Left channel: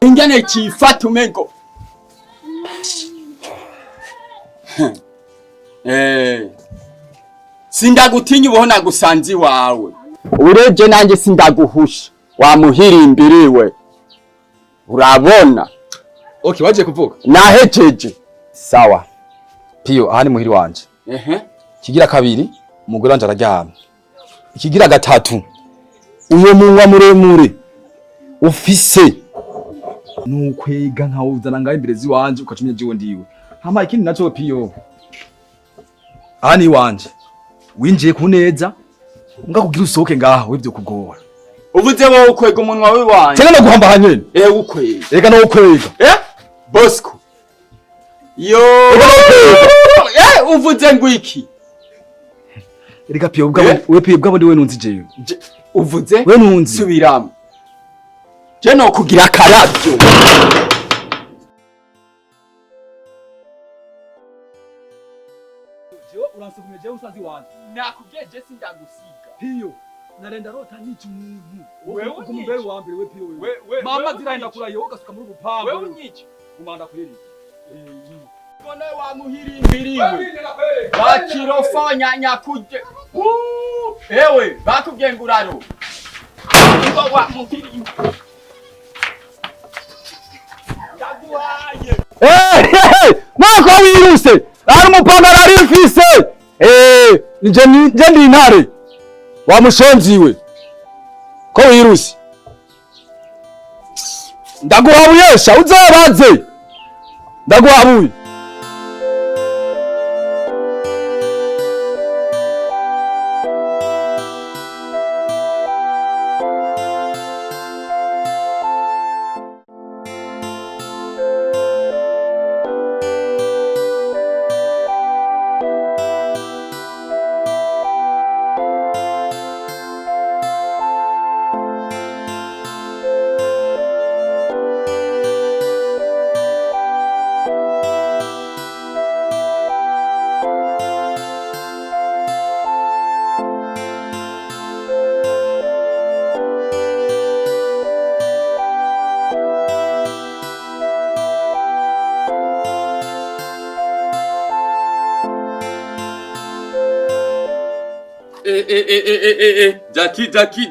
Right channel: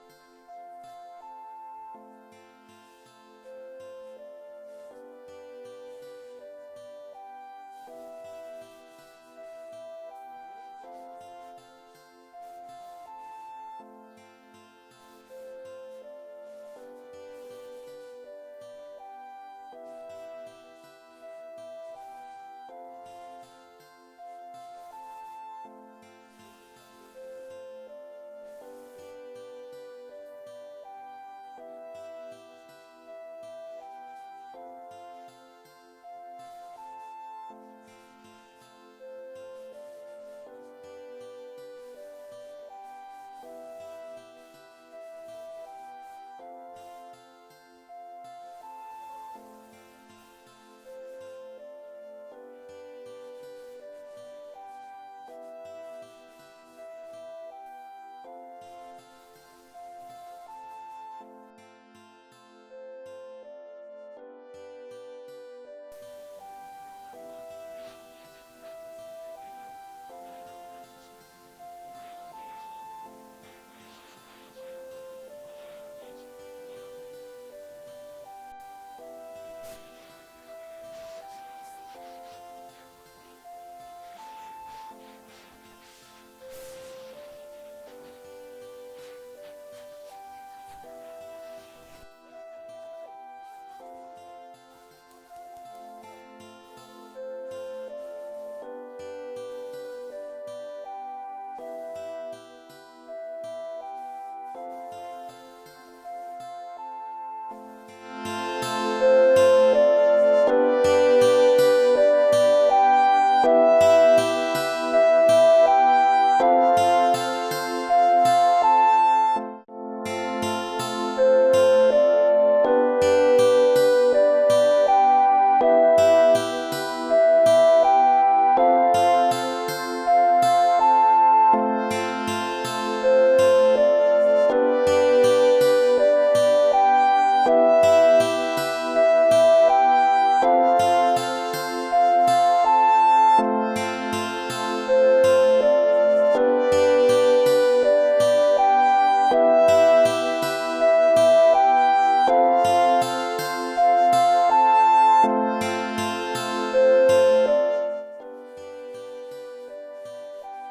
ingene kifata umengo sindagutinya ubona gusanzi wawe ureje nanjye sindaguhusha wamuhirimbiriwe urabona. Okay, waje kuvuga nahejeje. Sawa Pio, aha ni muhiri wanje. Kigira kabiri umugore wanje araryamye. Ikigira gatatu uyo munwa muremure ufise nukwega nkawuzana ngaho imbere ziwanje ukacumya jiwe ndiwe. Hama ikindi naco Pio, aha ni wanje winjiye ku neza ngakugira usohoke ngaho wivyo kugora. Uvuze wowe ukwega umunwa we wanje cyane no guhamba hanyene ukwega reka no ukwega Bosco yo uvuze ngwiki reka Pio bwabo we Pio bwabo ndi we nunzi jewe uvuze we nunzi subiramo je no kugira akaravyo jo uransubije je usazi wanje nakugeje sindagusiga Pio narenda rota niki muntu wewe umumbere wa mbere we Pio we mama ziraenda kula yoga suka muri gupamba wewe niki umanda kweli kone wa muhirimbiriwe bakirofonya nyakuje ewe bakugenguraro ngo wa muhirimbiriwe mwako wiruse ari umupangara ari mfise nje ndi intare wamushonziwe ko wiruse ndaguhabuyesha uzabaze ndaguhabuye.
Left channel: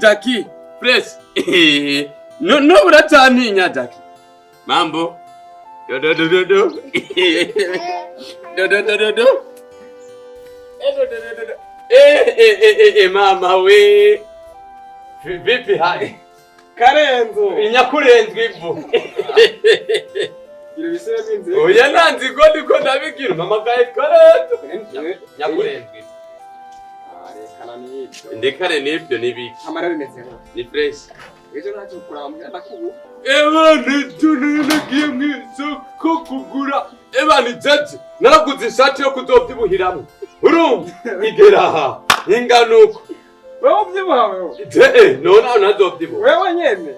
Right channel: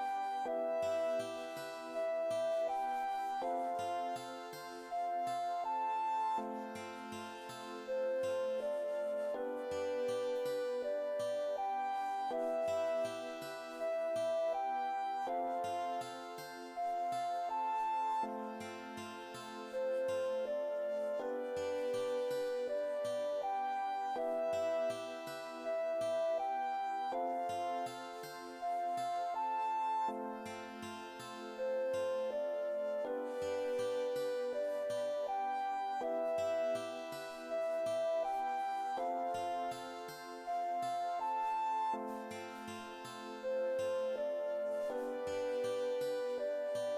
Jackie, press. No, urataninya Jackie. Mambo. Do. Mama we. Vipi hai? Karenzo. Inyakurenzwe ivu. Ibisebe binze. Oya nanzi ko ndabigira mama gaye Karenzo. Nyakurenzwe. Ndekane nibyo nibiki amara bimeze ni fresh ejo nacho kuramba ndakubu nagiye mwisoko kugura ni jeje naraguze ishati yo kuzovyibuhiramo urumva igeraha inganuko wewe ubyibuhawe nona nazovyibuha wewe nyene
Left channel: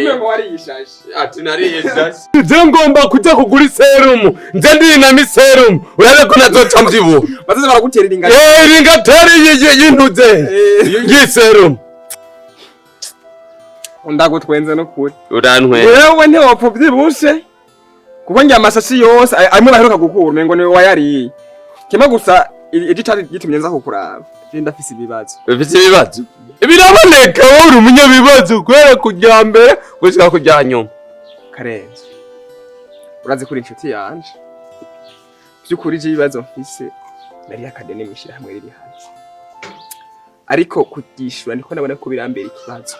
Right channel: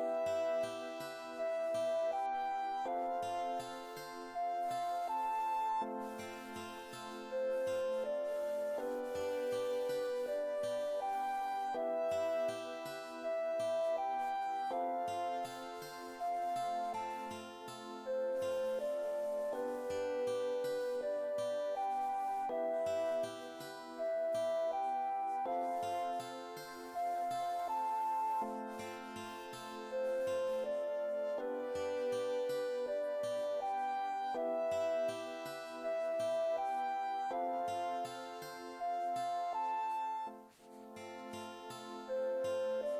umengo wari yishashi ati nari yishashi je ngomba kujya kugura iserumu nje ndi na miserumu urabe ko nazoca mvyibuha bazaze baraguterera ingati ringateri yintuze yiserumu ndagutwenze no kuri urantwe wewe ntiwapfa byibushe kuko njya amashashi yose arimo baheruka gukura umengo ni wayariye kema gusa igitari gitumye nza kukuraba ndafise ibibazo biraboneka wowe uri umunyabibazo kwera kujya mbere gushika kujya nyuma Karenzo urazi kuri inshuti yanje byukuri je ibibazo mfise nari akadene mishira hamwe riri hanze ariko kutishura niko nabona ko birambera ikibazo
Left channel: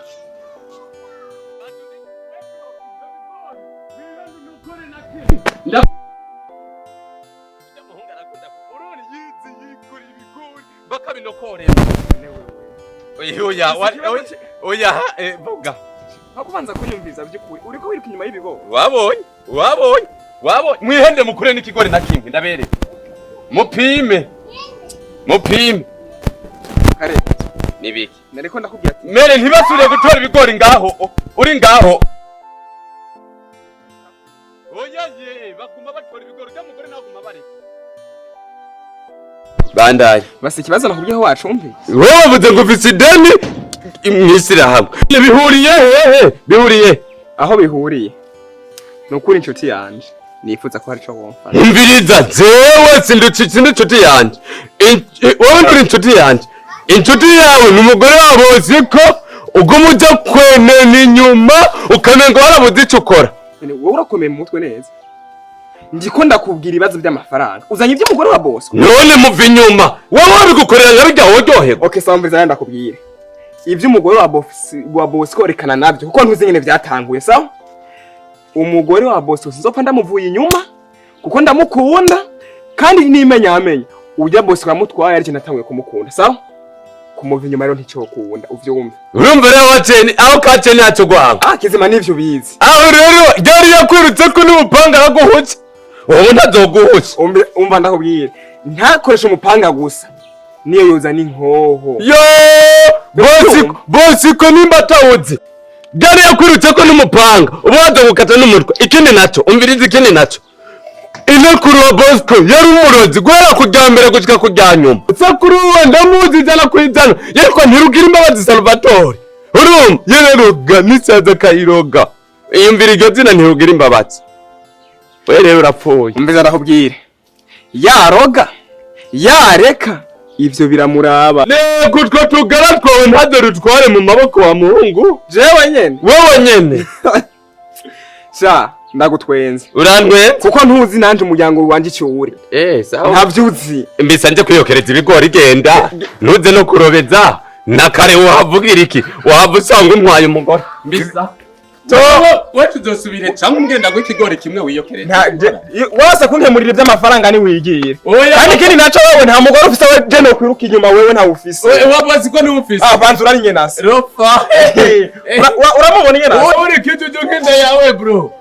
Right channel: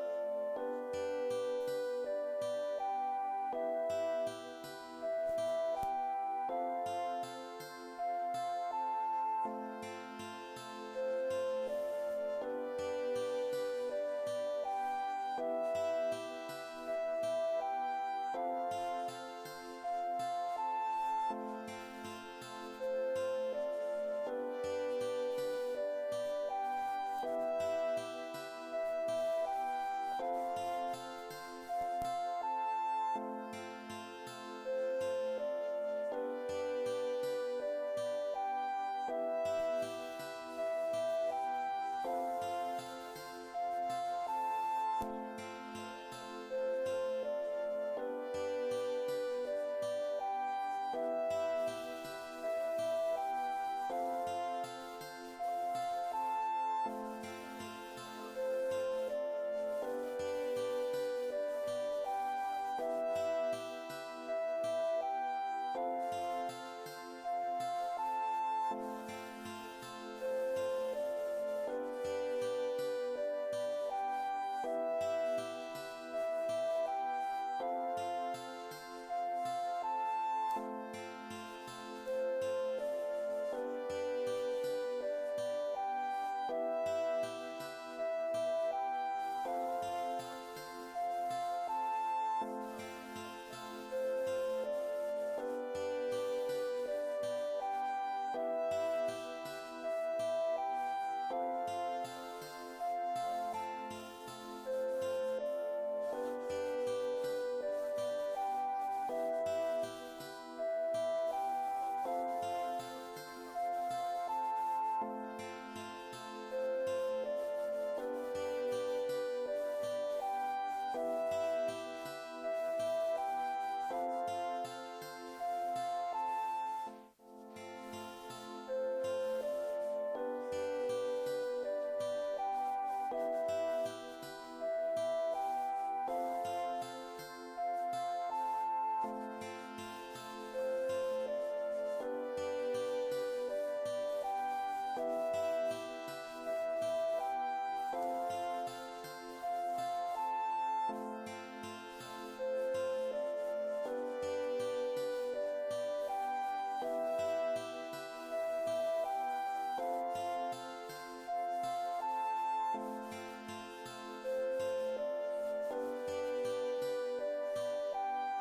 Oya vuga hakubanza kunyumviza byukuri uriko wiruka inyuma y'ibigo wabonye mwihende mukure n'ikigori na kimwe ndabere mupime kare nibiki nariko ndakubwira ati mere ntibasubire gutora ibigori ngaho uri ngaho oya bakuma batora ibigori cy'umugore naho kuma bari bandaye basi ikibazo nakubwiye aho wacumvise wewe uvuze ngo ufise ideni mw'ishyirahamwe bihuriye hehe bihuriye aho bihuriye nukuri inshuti yanje nifuza ko hari cyo wumfana umviriza jewe sindi inshuti yanje wowe nturi inshuti yanje inshuti yawe ni umugore wabo siko uguma ujya kwenena inyuma ukamenga warabuze icyo ukora wowe urakomeye mu mutwe neza ndiko ndakubwira ibibazo by'amafaranga uzanye iby'umugore wa boss none muva inyuma wowe wabigukorera nka bijya woryoherwa okay sambiza ndakubwira iby'umugore wa boss ko rekana nabyo kuko ntuzi nyene byatanguye sawa umugore wa boss uzopfa ndamuvuye inyuma kuko ndamukunda kandi nimenya ujya boss wamutwaye ari natanguye kumukunda sawa kumuva inyuma rero nticokunda uvyumva urumva rero waceni aho kaceni yacu gwanga kizima nivyo bizi aho rero ryari yakwirutse ko n'umupanga araguhutse wowe ntazoguhutse umva ndakubwira ntakoresha umupanga gusa niyo yoza n'inkoho yo bosi ko nimba atawuzi ryari yakwirutse ko n'umupanga uba wazagukata n'umutwe ikindi naco umviriza ikindi naco inakuru wa Bosco yari umurozi guhera kujya mbere gushika kujya nyuma sakuru we ndamuzi jana kwijana yeko ntirugira imbabazi Salvatore urumva yereruga nisaza kayiroga iyumvira iryo zina ntirugira imbabazi we rero urapfuye umbiza ndakubwire yaroga yareka ivyo biramuraba nego two tugara twawe ntadore tware mu maboko wa muhungu jewe nyene wowe nyene sha ndagutwenze urandwe kuko ntuzi nanje umuryango wanje cyuri sawa ntavyuzi mbisa nje kuyokereza ibigori genda ntuze no kurobeza nakare wavugira iki wavusanga untwaye umugore mbisa we tuzosubire cyangwa ngenda go ikigori kimwe wiyokereza wase kunkemurira by'amafaranga ni wigiye kandi kindi naco wowe nta mugore ufise we je no kwiruka inyuma wewe nta ufise wabazi ko ni ufise bantu urari nyenase rofa uramubona nyenase wowe uri kitu cyo kenda yawe bro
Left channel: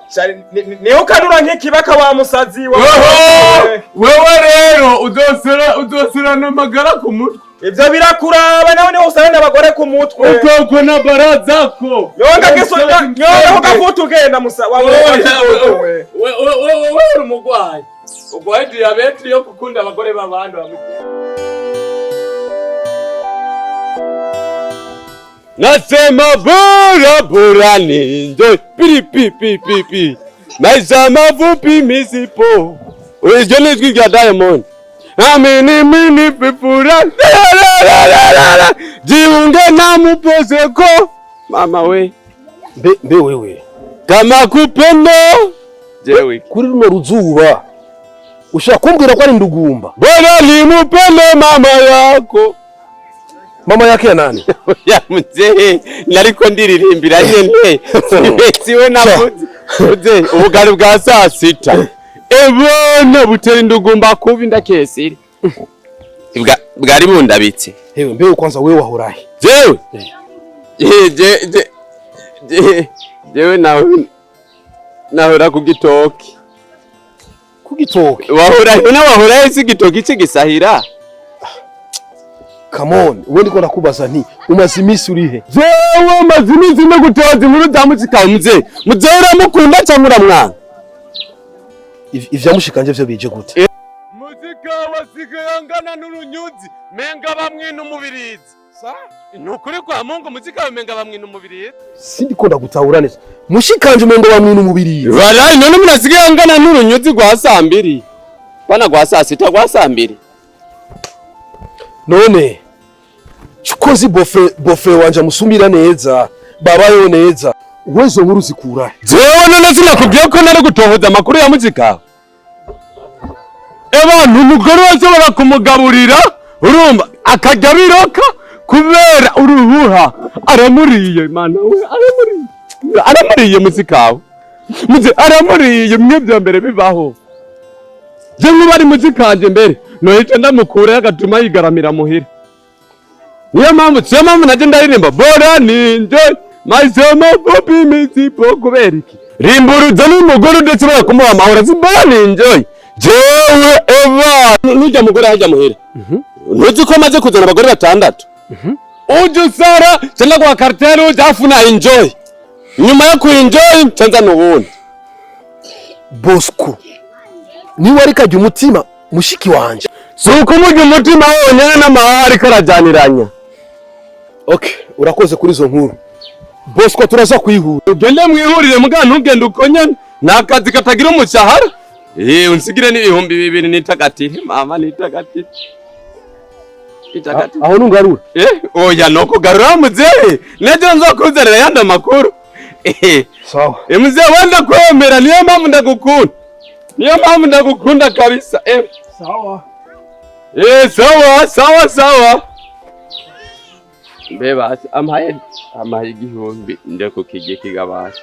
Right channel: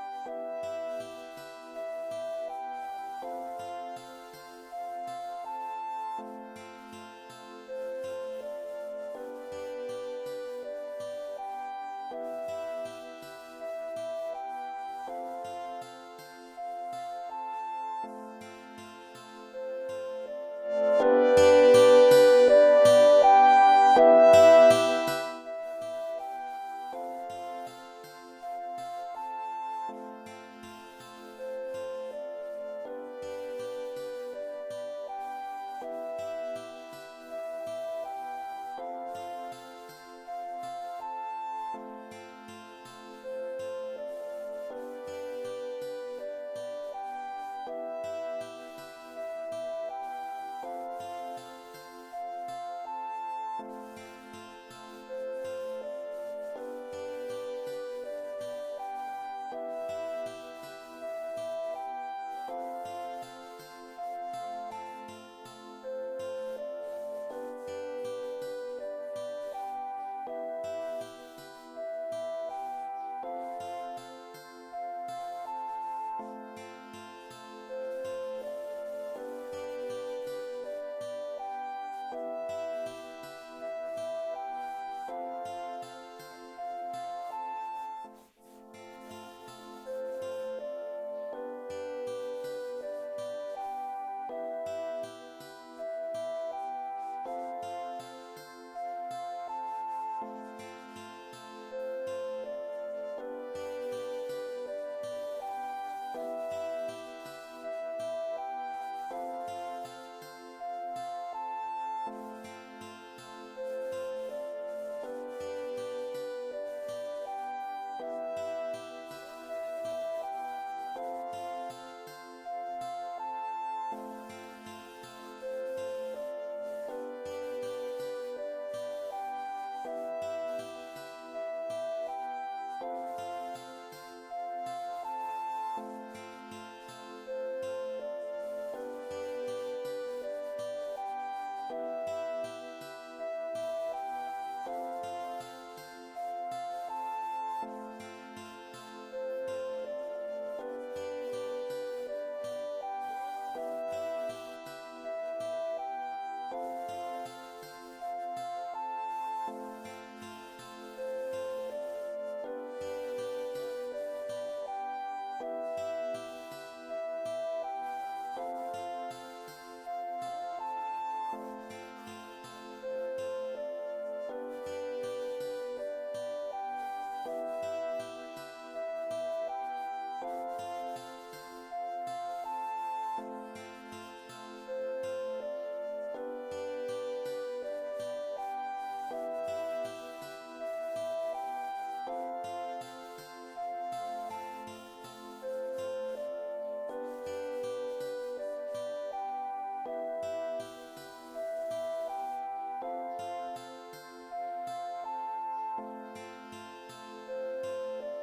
niho kanura nk'ikibaka wa musazi wewe rero udosera n'amagara ku mutwe ivyo birakuraba nawe niho usanga abagore ku mutwe ukoko na barazako yonga keso nyonga ukavuta ugenda musa wewe uri umugwayi ugwaye diabete yo gukunda abagore b'abandi nasema bora ninjo pipi maisha mafupi misipo ujo nizwi rya Diamond mini pipura jiunge na mupozeko mama we Be wewe kama kupendo jewe kuri runo ruzuba ushaka kumbwira ko ari ndugumba bora nimupende mama yako mama yake ya nani ya mzee nariko ndiririmbira nyene siwe navuze ubugari bwa saa sita ebona butera indugumba kubi ndakesiri bwari bundabitse hewe mbewe kwanza wewe wahorahe jewe jewe nahora kugitoki wahorahe si gitoki cy'igisahira come on uwe ndiko nakubaza nti umaze imisi urihe jewe umaze imisi no gutoza inkuru za muzika muzee uramukunda cyangwa uramwanga ivya mushikanje vyo bije gute muzika wasigangana n'urunyuzi menga bamwe n'umubirizi nukuri kwa Mungu muzika bamenga bamwe n'umubirizi sindiko ndagutahura neza mushikanje umengo bamwe n'umubirizi walayi none munasigangana n'urunyuzi gwa saa 2 bana gwa saa 6 gwa saa 2 none chukozi bofre wanje musumira neza babayo neza uwezo nkuru zikura jewe none sinakubwiye ko nari gutohoza amakuru ya muzika abantu umugore wese barakumugaburira urumva akajya biroka kubera uruhuha aramuriye mana we aramuriye muzikawe muze aramuriye mwe bya mbere bibaho je nkubari muzikanje mbere nohita ndamukura yagatuma yigaramira muhira niyo mpamvu naje ndaririmba bora ninje maisema popi misipo kubera iki rimburuza n'umugore ndetse bakumuha amahoro zibora ninje jewe eva nujya mugore hajya muhira nuzi ko maze kuzana abagore 6 uje usara cyangwa kwa cartel uje afuna enjoy nyuma yo ku enjoy cyanza n'ubundi Bosco ni wari kajya umutima mushiki wanje suko mujye umutima wonyene n'amahari karajyaniranya Okay, urakoze kuri izo nkuru. Bosco turaza kwihura. Ugende mwihurire mugana ntugende ukonyana. Nakazi katagira umushahara. Unsigire ni 2000 nitagati. Mama nitagati. Aho nungarura. Oya noko garura muzehe. Nejo nzokuzanira yanda makuru. Sawa. Muzehe wanda kwemera niyo mpamvu ndagukunda. Niyo mpamvu ndagukunda kabisa. Sawa. Sawa. Beba amaye igihumbi ndeko kije kigabasha.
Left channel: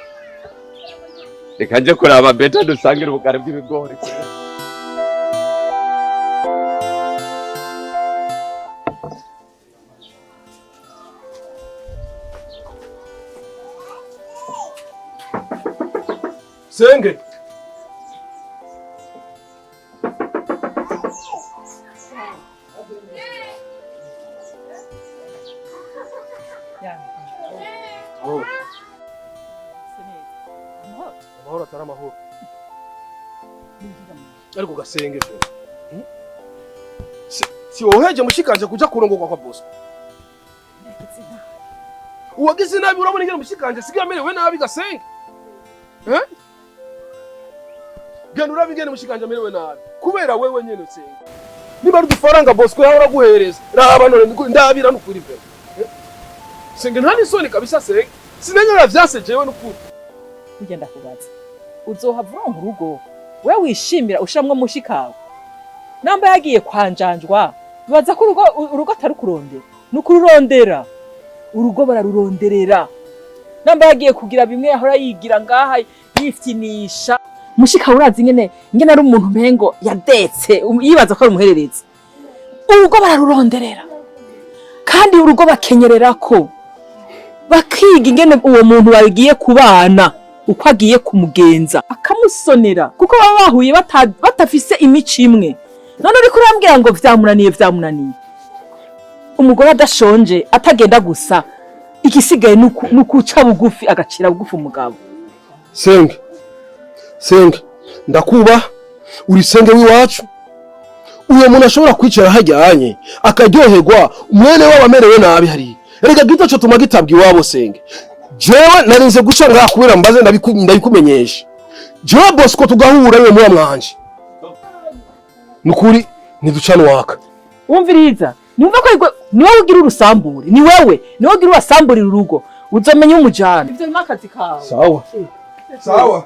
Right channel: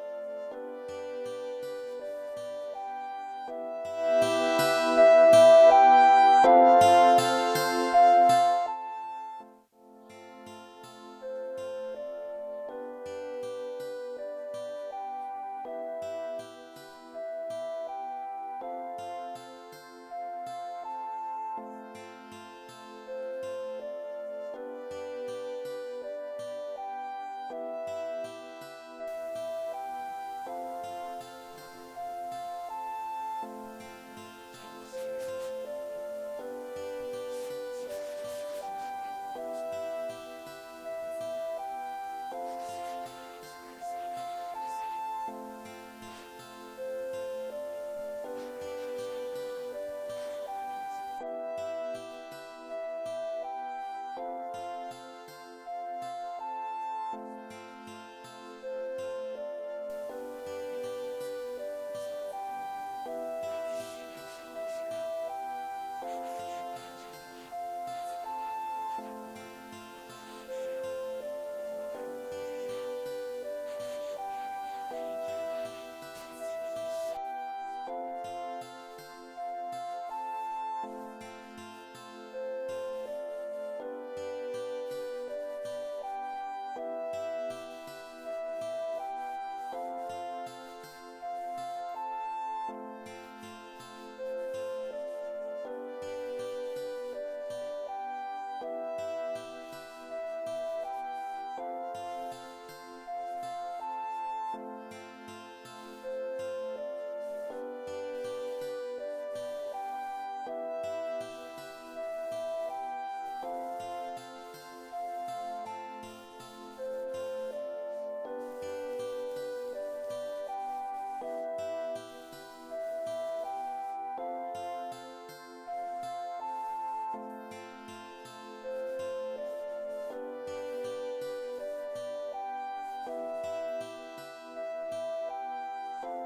Reka nje kuraba beta dusangira ubugari bw'ibigori. Senge. Ariko gasenge si woheje mushikanje kuja kurongorwa kwa Bosco. Uwagize nabi urabona ingene mushikanje sigira merewe nabi gasenge. Genda urabe ingene mushikanje merewe nabi kubera wewe nyene senge. Niba ari udufaranga Bosco yahora guhereza raba none ndabira n'ukuri pe. Senge nta nisoni kabisa senge. Sinanyara vyase jewe n'ukuri. Ugenda kubaza uzohava mu rugo we wishimira ushamwe mushikawe namba yagiye kwanjanjwa baza ko urugo atari kurondera nukururondera urugo bararuronderera namba yagiye kugira bimwe yahora yigira ngaha yifyinisha mushikawe urazi ngene ari umuntu mpengo yadetse yibaza ko ari umuhererezi urugo bararuronderera kandi urugo bakenyererako bakiga ingene uwo muntu bagiye kubana uko agiye kumugenza akamusonera kuko baba bahuye batafise imico imwe none uri kurambwira ngo vyamunaniye umugore adashonje atagenda gusa igisigaye nukuca bugufi agacira bugufi umugabo Senge ndakuba uri senge wiwacu uyo muntu ashobora kwicara hajyanye akaryoherwa umwene wabo amerewe nabi hari erega gito cyo tuma gitabwa iwabo senge jewe narinze guca ngaha kubera mbaze ndabikumenyesha jewe Bosco tugahura we muwa mwanje nukuri ntiducana waka wumviriza numva ko niwe ugira urusambure niwe ugira urasamburira urugo uzomenya umujana ivyo n'akazi kawe sawa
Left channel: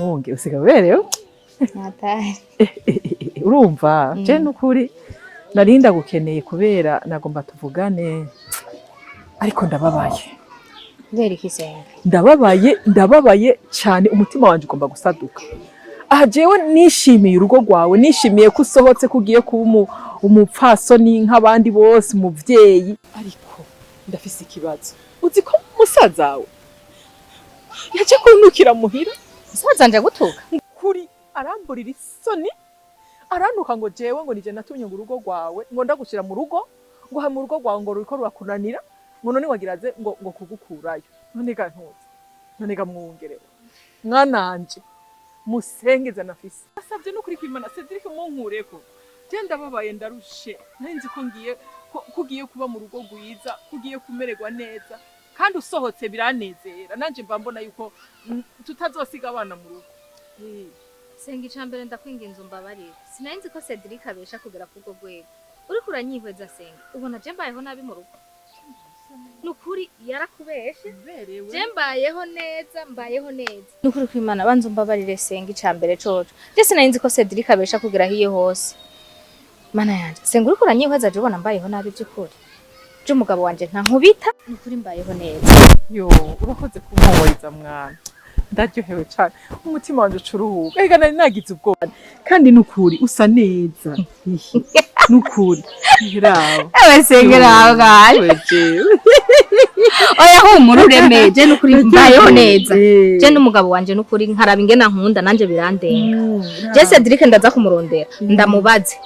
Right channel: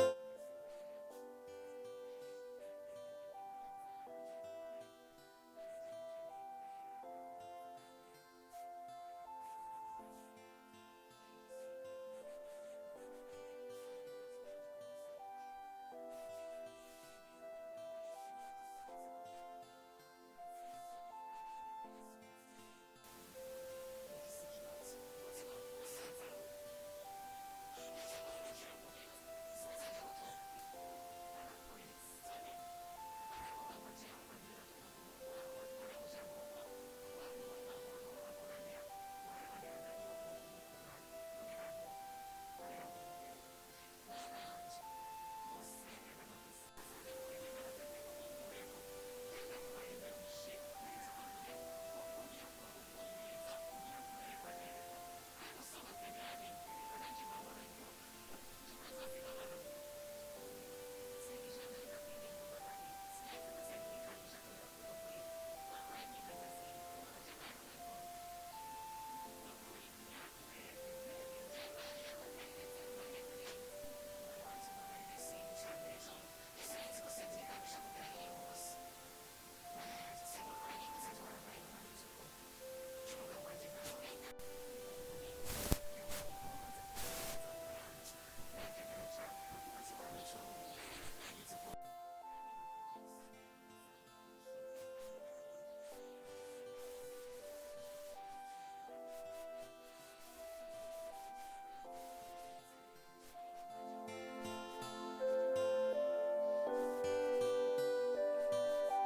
Mwungere usiga berewe Natari. Urumva je nukuri narinda gukeneye kubera nagomba tuvugane ariko ndababaye. Kubera iki Senge? Ndababaye cyane umutima wanje ugomba gusaduka. Aha jewe nishimiye urugo rwawe nishimiye ko usohotse kugiye kuba umupfasoni nk'abandi bose umuvyeyi ariko ndafise ikibazo. Uzi ko musazawe yaje kunukira muhira Musaza nje gutuka. Kuri aramburira isoni aranuka ngo jewe ngo nije natumye ngo urugo rwawe ngo ndagushira mu rugo ngo ha mu rugo rwawe ngo ruriko rurakunanira ngo none wagiraze ngo kugukurayo none ga ntuze none ga Mwungere mwananje musengeza nafise asavye no kuri kwimana Cedric munkureko je ndababaye ndarushe nzi ko kugiye kuba mu rugo rwiza kugiye kumererwa neza kandi usohotse biranezera nanje mba mbona yuko tutazosiga abana mu rugo Senge icambere ndakwinginze umbabarire. Sinarinzi ko Cedric abesha kugera kurwo rwego. Uri kuranyihweza Senge. Ubona je mbayeho nabi mu rugo. Nukuri yarakubeshe. Je mbayeho neza. Nukuri kwimana banza umbabarire Senge icambere coco. Je sinarinzi ko Cedric abesha kugera hiye hose. Mana yanje, Senge uri kuranyihweza je ubona mbayeho nabi by'ukuri. Je umugabo wanje nta nkubita. Nukuri mbayeho neza. Yo, urakoze kumpoweza mwana. Ndaryohewe cyane umutima wanje ucuruhuka ega nari nagize ubwoba kandi nukuri usa neza nukuri rawo Senge rawo gari oya humura uremeje nukuri mbayeho neza je n'umugabo wanje nukuri nkaraba ingena nkunda nanje birandenga je Cedric ndaza kumurondera ndamubaze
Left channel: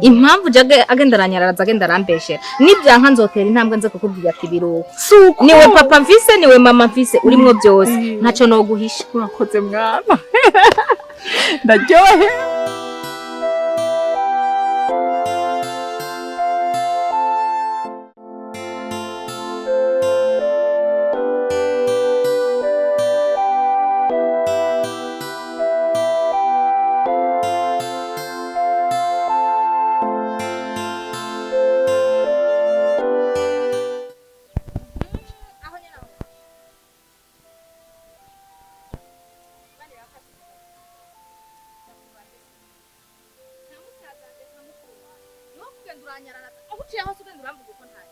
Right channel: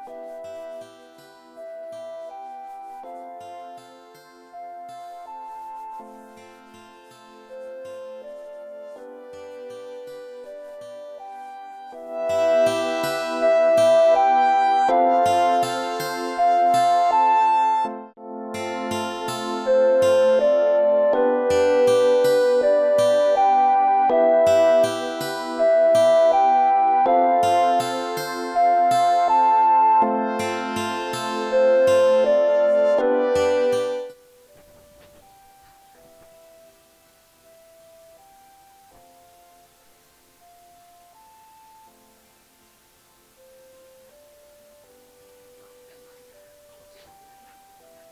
impamvu jage agendaranyaraza agendarambeshera nibyanka nzotera intambwe nze kukubwira ati biruko niwe papa mfise niwe mama mfise urimwo byose ntaco no guhisha urakoze mwana ndaryohe uciye aho ugenda uramvuga uko ntari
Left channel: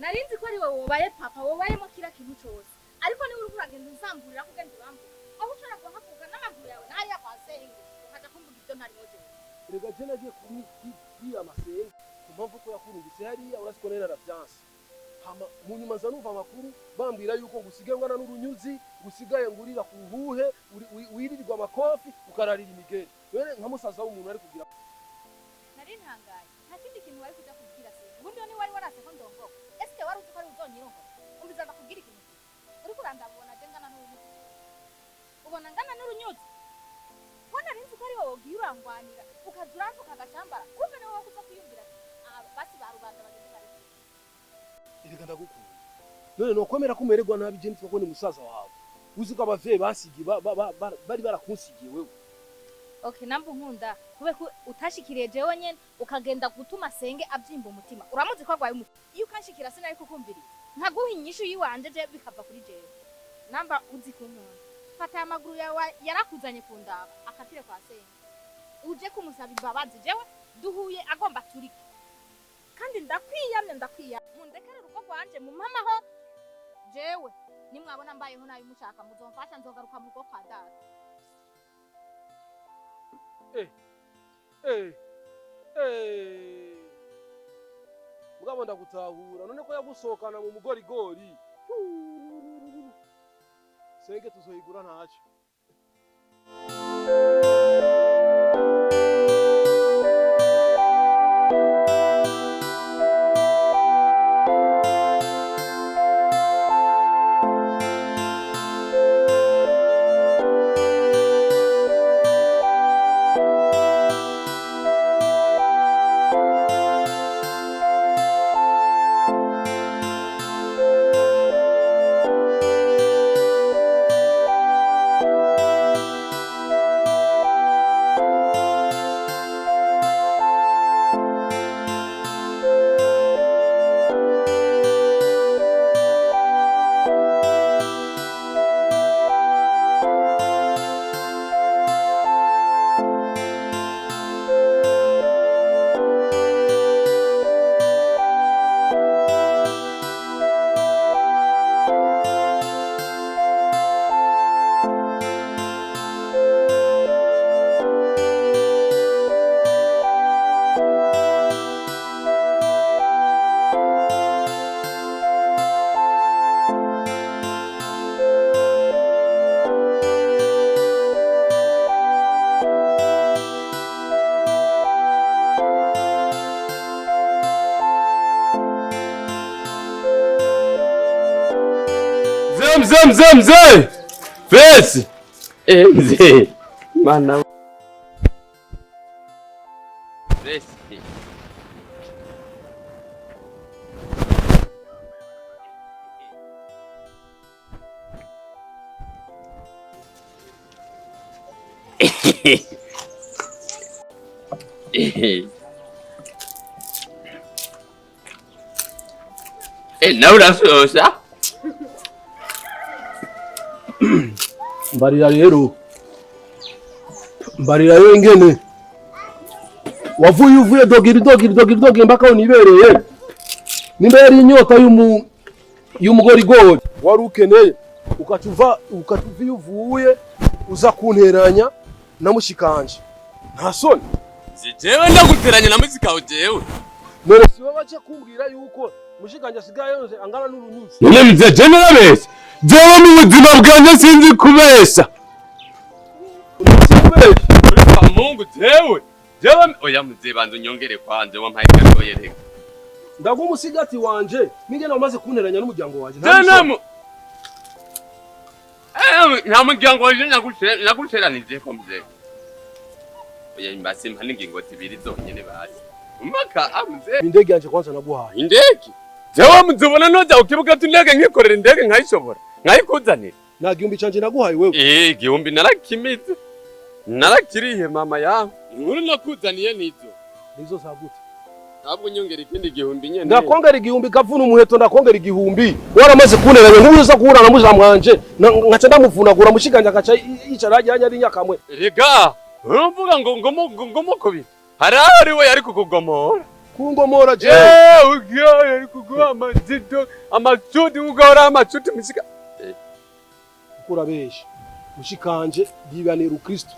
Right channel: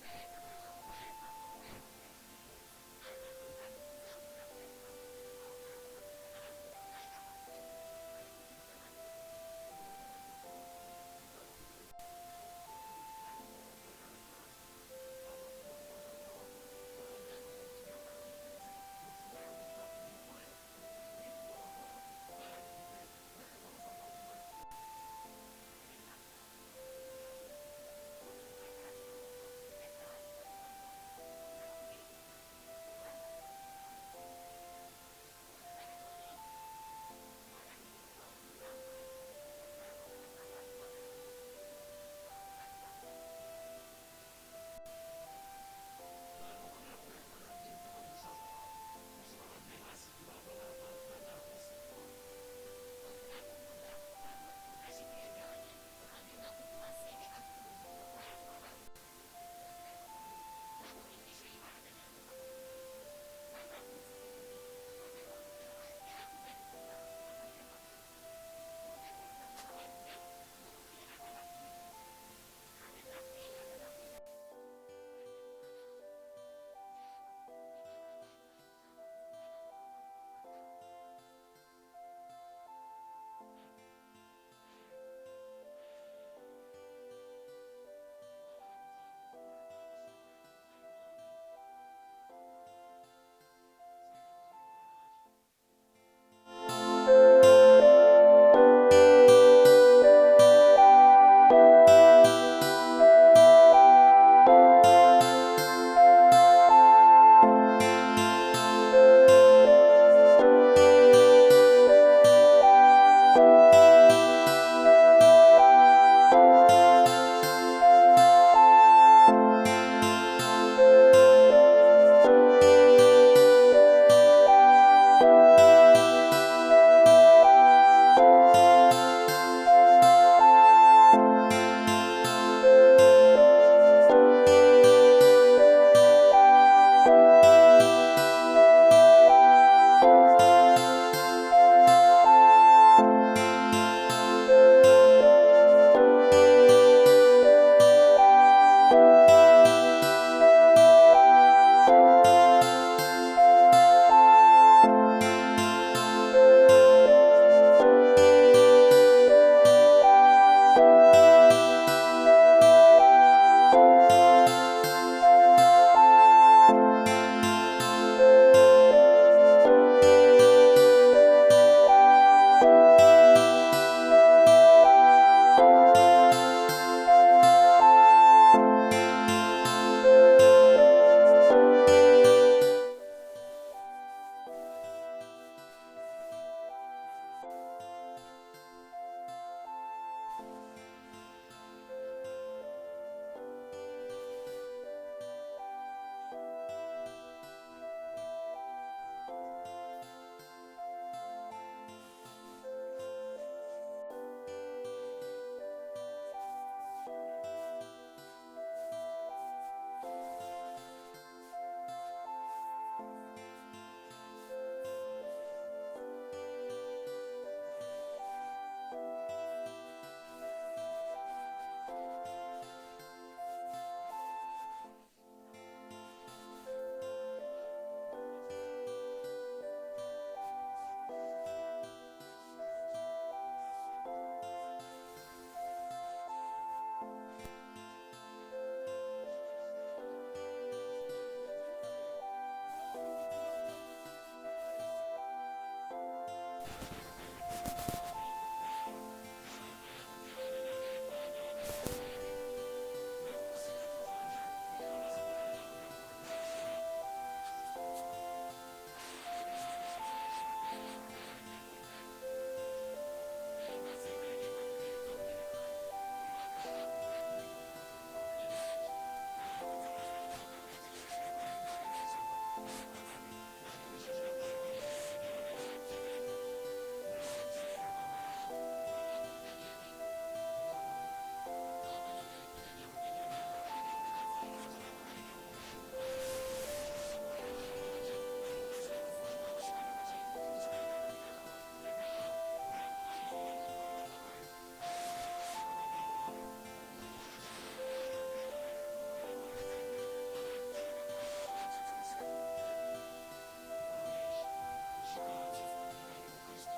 nari nzi ko ari wowe wobaye papa wobayemo kira kintu cyose ariko niba uri kuragenda uzamburira ko ugenda uramvuga aho ushobora kuhavuga n'amaguru yawe n'aya kwasenge ukaja kumvuga ibyo ntari wowe rega je nagiye kuri amasenge impamvu ko yakurungitse hariya urasikorera ravyanse hama munyuma nza numva amakuru bambwira yuko ngusigaye ngana n'urunyuzi gusigaye ngurira ku ruhe wirirwa amakofi ukararira imigeri were nka musaza w'umuntu ari kugira nari ntangaye nta kindi kintu wari kujya kubwira se ubundi ni wari waraje ko ndongo ese wari uzi ko ari uzonyirongo umbiza ndakubwira ikintu uri kurandabona je ngana n'urunyuzi ubona ngana n'urunyuzi ko nari nzi ko ari wowe ugiye urangwanira ukaduranduka agashambara kumbe ni wowe gusa kwiyumvira basi barubanda reka ndagukunda none nokwemera kumererwa nabi je nitwa ko ni musaza wawe uzi ko abavyeyi basigiye bari barakunsigiye wewe okay nambu nkunda kube utashikiriye jewe nyene ukagenda gutuma senge abyimba umutima uramuzi ko agwaye umutima iyo ukashikira sinari kukumvira nkaguha inyishu yiwanje je bikava kuri jewe namba uzi kunkunda fata amaguru yawe yarakuzanye kundaba akatire kwa senge uje kumusaba imbabazi jewe duhuye agomba turi kandi ndakwiyamye mundekere urugo rwanje mu mamaho jewe nimwabona mbayeho nayo mushaka muzomfasha nzogaruka mu rugo kwa data mugabo ndagutahura none ko yagusohokana mu mugorigori senge tuzoyigura ntacyo Mzee! Vesi! Mzee! Mana. Vesi. Naura sosa. mbarira rero ingene wavuye dogiri mpaka unibereye nimba yari inyota y'umugorigori wari ukeneye ukatuva iyo uvuye uza kunteranya na mushikanje nta soni jewe ndaguteranya na muzika jewe none siwe bace kumbwira yuko mushikanje asigaye yonze angana n'urunyuzi none mzee je narabeshya jewe mu buzima bwanjye sinzi kubesha Mungu jewe oya mzee banze nyongere kwanje wampaye gakoyereka ndagumusigati wanje ningene wamaze kunteranya n'umuryango wanje nta muryango wanje naguteranije ko mzee oya imbasi mpa n'ingingo zibiri zonyene basi umaka amze indege yanje kwanza naguhaye indege jewe muzibona noza ukibuka tundege nkikorera indege nkayishobora nkayikuzanira nta gihumbi canje naguhaye wewe igihumbi narakimize narakiriye mama yawe inkuru nakuzaniye nizo zagute ntabwo nyongera ikindi gihumbi nyene ndakongera igihumbi kavuna umuheto ndakongera igihumbi waramaze kunteranya nk'uza kuhura na mujamwanje nkaca ndamuvunagura mushikanje akaca yicara hajyanye ari nyakamwe rega urumvuga ngo mukobi hari aho Ariwe yari kukugomora. Kungomora je. Ugiye yari kuguha amazito, amacuti ugahora amacuti misika. Kurabesha. Mushikanje yibanira Kristo.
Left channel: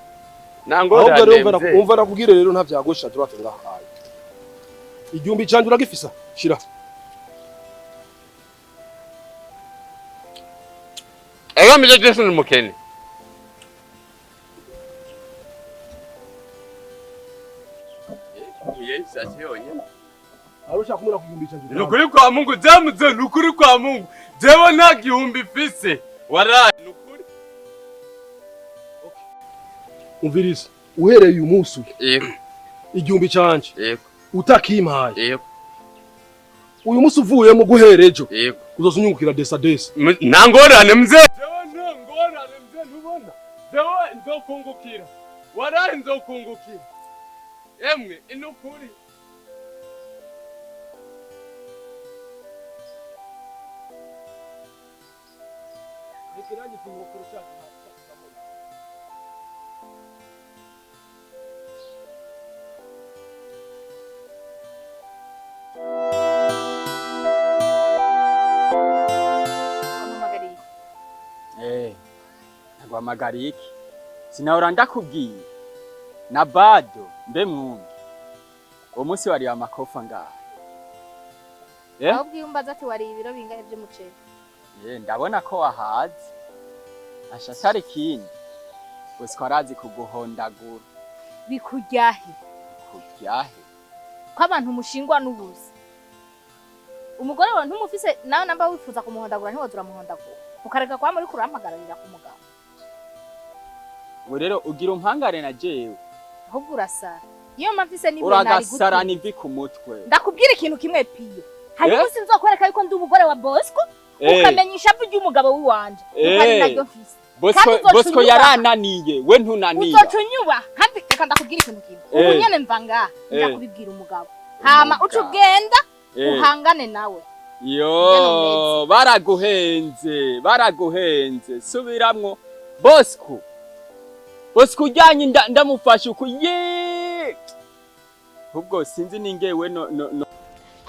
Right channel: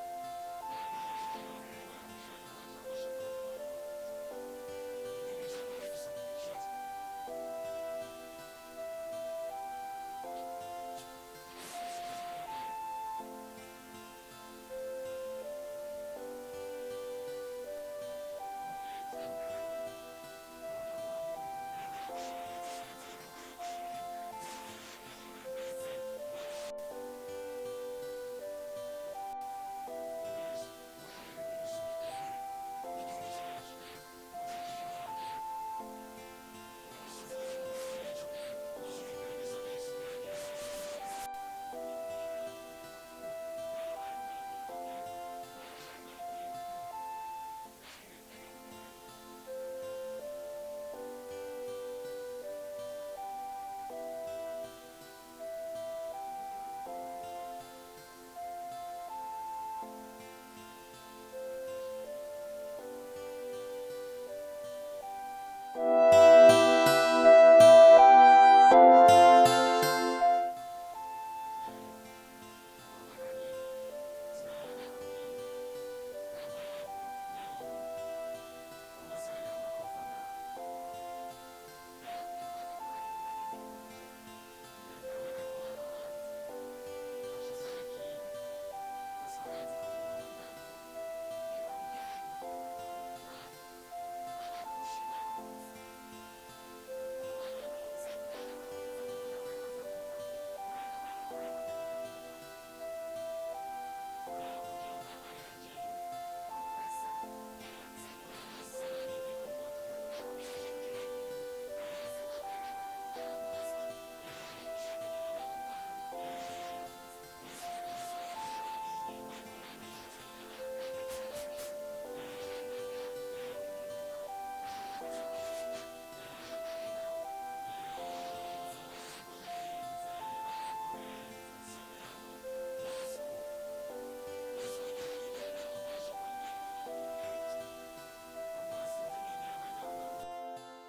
Nangora nemve. Umva nakubwire rero nta vyagosha turatenga hayi. Igihumbi canje uragifisa. Shira. Ega mije Jesu ni mukene. Yesu asiyonye. Arusha kumura kugihumbi canje. Nukuri kwa Mungu jamuze nukuri kwa Mungu. Jewe nta gihumbi fise. Waraye nukuri. Umviriza. Uhereye uyu munsi. Yego. Igihumbi canje. Yego. Utakimpaye. Yego. Uyu munsi uvuye mu guherejo. Yego. Uzosunyungukira desa. Nangorane mzee. Nangorane mzee ntubona. Jewe nzokungukira. Waraye nzokungukira. Emwe inukuri. Magariki sinahora ndakubwiye na bado mbe mwumva uwo munsi wari amakofa ngaha aho bwiyumbaza ati wari ibiro bingahe by'umuceri ndabona ko wahaze asha atari kindi gusa arazi kuguhondagura bikuryahe ko abantu mushingwa n'ubuzi umugore wawe ntumufise nawe namba wifuza kumuhondagura ntiwazura muhondagura ukareka kwa muri kurampagararira ku mugabo ubu rero ugira umpangare na jewe ahubwo urasara iyo mafise nibe uragasara nivi ku mutwe ndakubwira ikintu kimwe piye hari umunsi nzokwereka yuko ndi umugore wa Bosco ukamenya ishavu ry'umugabo wiwanje ukari naryo mfise Bosco yarananiye we ntunaniye uzocunyuba kandi reka ndakubwira ikintu kimwe ubu nyene mva ngaha ndakubibwira umugabo hama uca ugenda uhangane nawe yo baraguhenze subiramwo Bosco ujyanye ndamufasha uko ubwo sinzi ningewe no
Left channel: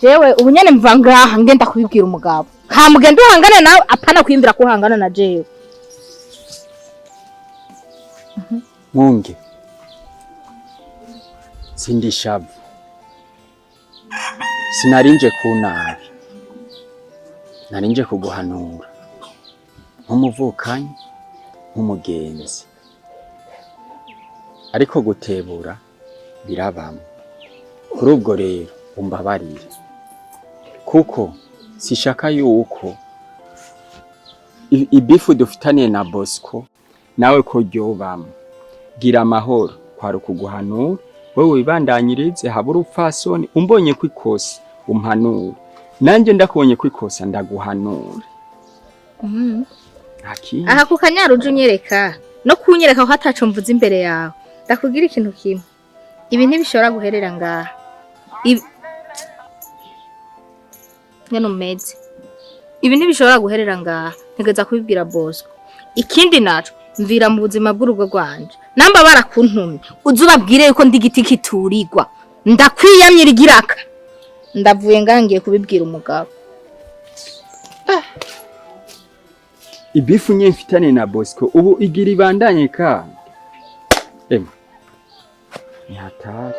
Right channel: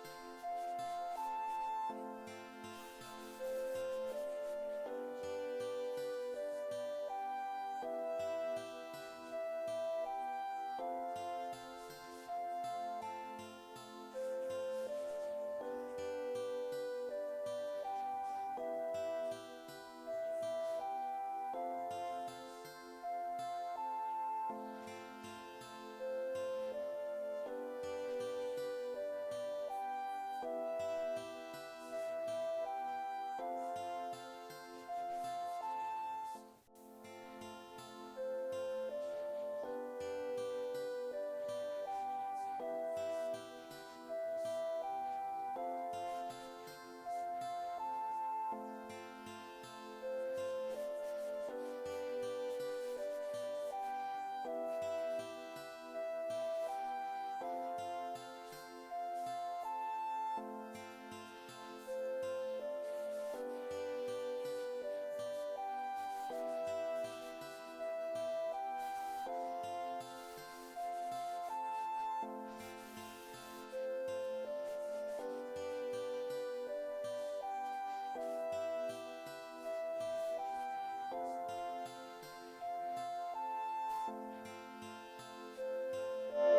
jewe ubu nyene mva ngaha ngenda kubibwira umugabo hamugenda uhangane nawe apana kwimbira ko uhangana na jewe Mwungere sindishavu sinarinje kunabi narinje kuguhanura nk'umuvukanyi nk'umugenzi ariko gutebura birabamo kuri ubwo rero umbabarire kuko sishaka yuko ibifu dufitaniye na Bosco nawe ko ryobamo gira amahoro kwari kuguhanura wewe wibandanyirize habura upfasoni umbonye kwikosa umpanura nanje ndakubonye kwikosa ndaguhanura aha ku kanyaruje unyereka no kunyereka aho hataco mvuze imbere yawe ndakubwira ikintu kimwe ibi ntibishobora guherera ngaha ibi ntibishobora guherera ngaha ntegeza kubibwira Bosco ikindi naco mvira mu buzima bw'urugo rwanje namba barakuntumye uzubabwire yuko ndi giti kiturirwa ndakwiyamye rigiraka ndavuye ngangiye kubibwira umugabo ibifu nye mfitane na Bosco ubu igira ibandanye ka ni hatari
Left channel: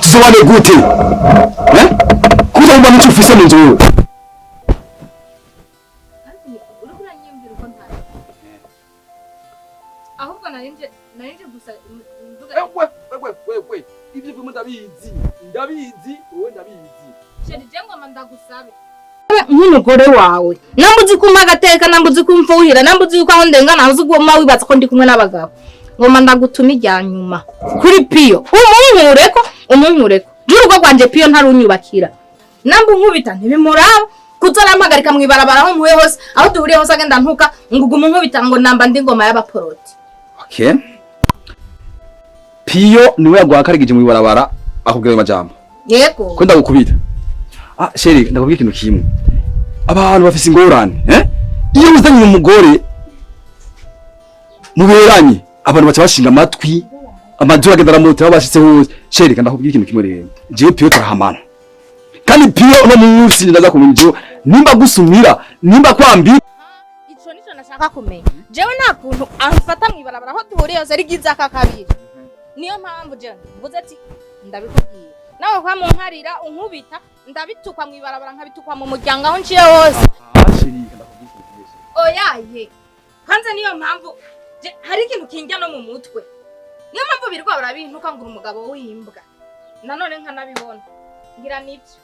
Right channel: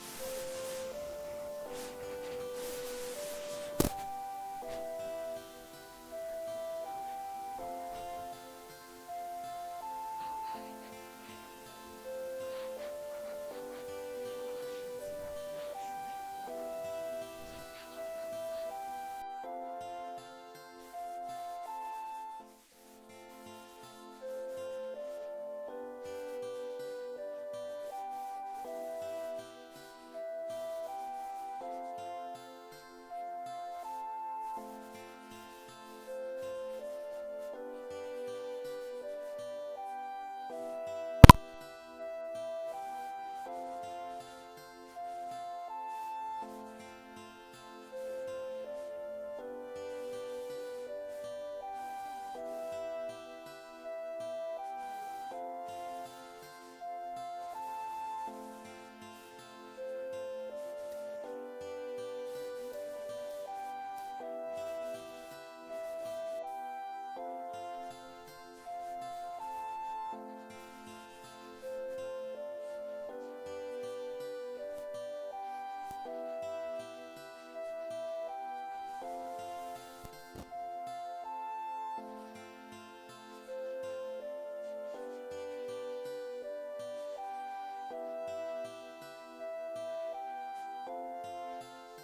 Swaleh gute kuza mbona ufise mu nzu ahubwo narinje gusa mvuga ndabizi wowe ndabizi. Sheri je ngoma ndagusabe. Nk'umugore wawe nambuzi kumpa agateka nambuzi kumfuhira nambuzi yuko aho ndengana aho uzuguma wibaza ko ndi kumwe n'abagabo ngoma ndagutuma ijya nyuma kuri Piyo umunkureko jurugo gwanje Piyo ntarunyubakira nambu nkubita ntibimuraba kuzarampagarika mwibarabara aho muye hose aho duhuriye hose agenda ntuka ngugumu nkubita ngo namba ndi ngoma y'abaporoti. Okay. Piyo niwe yagwakarigije mwibarabara akubwira amajambo. Yego. Ko ndagukubita. Sheri ndakubwira ikintu kimwe. Abantu bafise ingorane, iyo uzanye umugore muberanye abantu baca bashinga amatwi amajura agenda ramutse babashitse hose. Sheri ndakubwira ikintu kimwe rero. Je Piyo turahamana. Kandi Piyo no munsi ndaza kumunjo nimba gusumira nimba kwambira. Ico nico nashaka kumenya. Jewe nta kuntu amfata mwibarabara aho duhuriye hose ari giza kakabiri. Niyo mpamvu je mvuze ati ndabikubwiye. Nawe kwa munkarira unkubita ndabitukwa mwibarabara nkabitukwa mu muryango aho nciye hose. Oyaye. Hanze niyo mpamvu hari ikintu kinjya no mu mutwe. Niyo mpamvu birwa barabintuka ngo umugabo w'imbwa. Nanone nkanabibona. Ngira niki.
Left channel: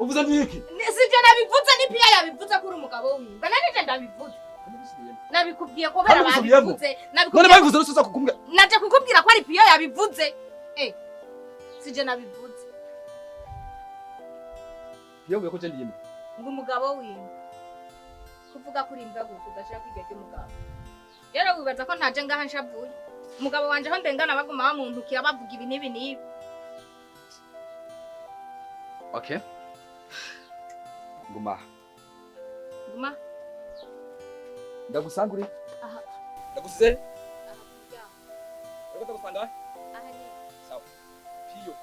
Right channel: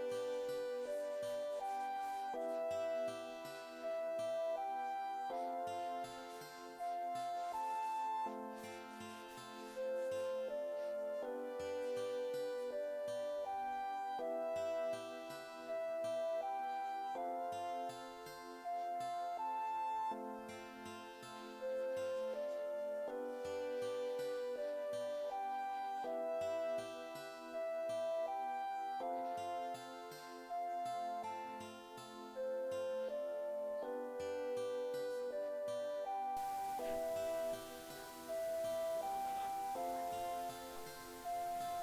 Uvuze niki? Sije nabivuze ni Piyo yabivuze ko uri umugabo w'imbwa. Nanije ndabivuze. Nabikubwiye ko bera babivuze. None babivuze rusuza kukumbwa. Naje kukubwira ko ari Piyo yabivuze. Sije nabivuze. Yewe ko cende yime. Ngo umugabo w'imbwa. Kuvuga kuri imbwa gusa udashaka kwiga cy'umugabo. Rero wibaza ko ntaje ngaha nshavuye. Umugabo wanje aho ndengana baguma bamuntukira bavuga ibi nibi nibi. Okay. Nguma. Ndagusangure. Ndaguse. Ndaguse kufanda. Sawa. Piyo.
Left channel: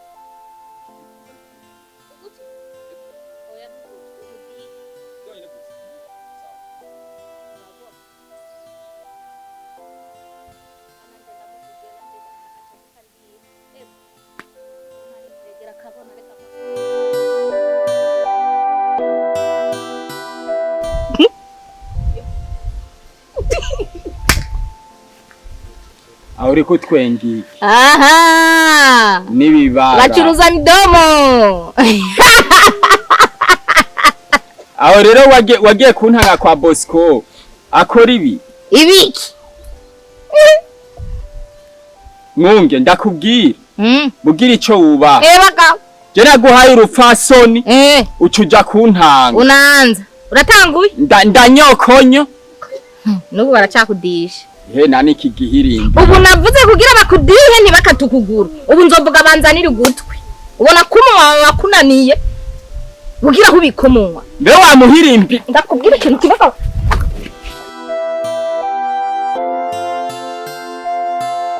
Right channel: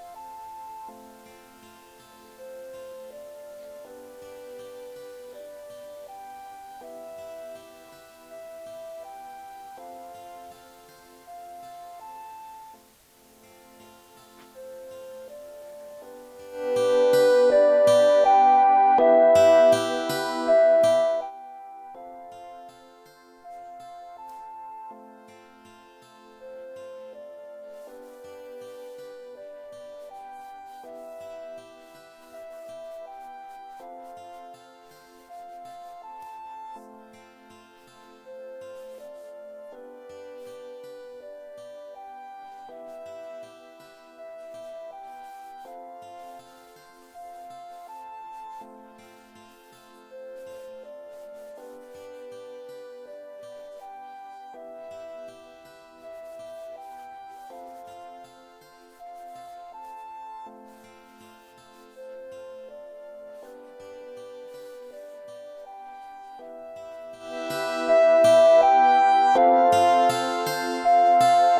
Auri kutwengi. Aha. Nibibara. Bacuruza midomo. Aho rero wagiye kuntanga kwa Bosco. Akora ibi. Ibiki. Mwunge ndakubwira. Mugira ico wuba. Baka. Je naguhaye urupfasoni. Ucuja kuntanga. Unaanza. Uratanguye? Ndanyokonyo. Nubu baracakudisha. He nani kigihirimbi. Ubu navuze kugira bakudihe ntibakatukuguru. Ubu nzovuga banzanira ugutwi. Ubona kumunwa wakunaniye. Bugira kubikomunwa. Mbe wamuhirimbi. Ndakubwira ikintu kibaka.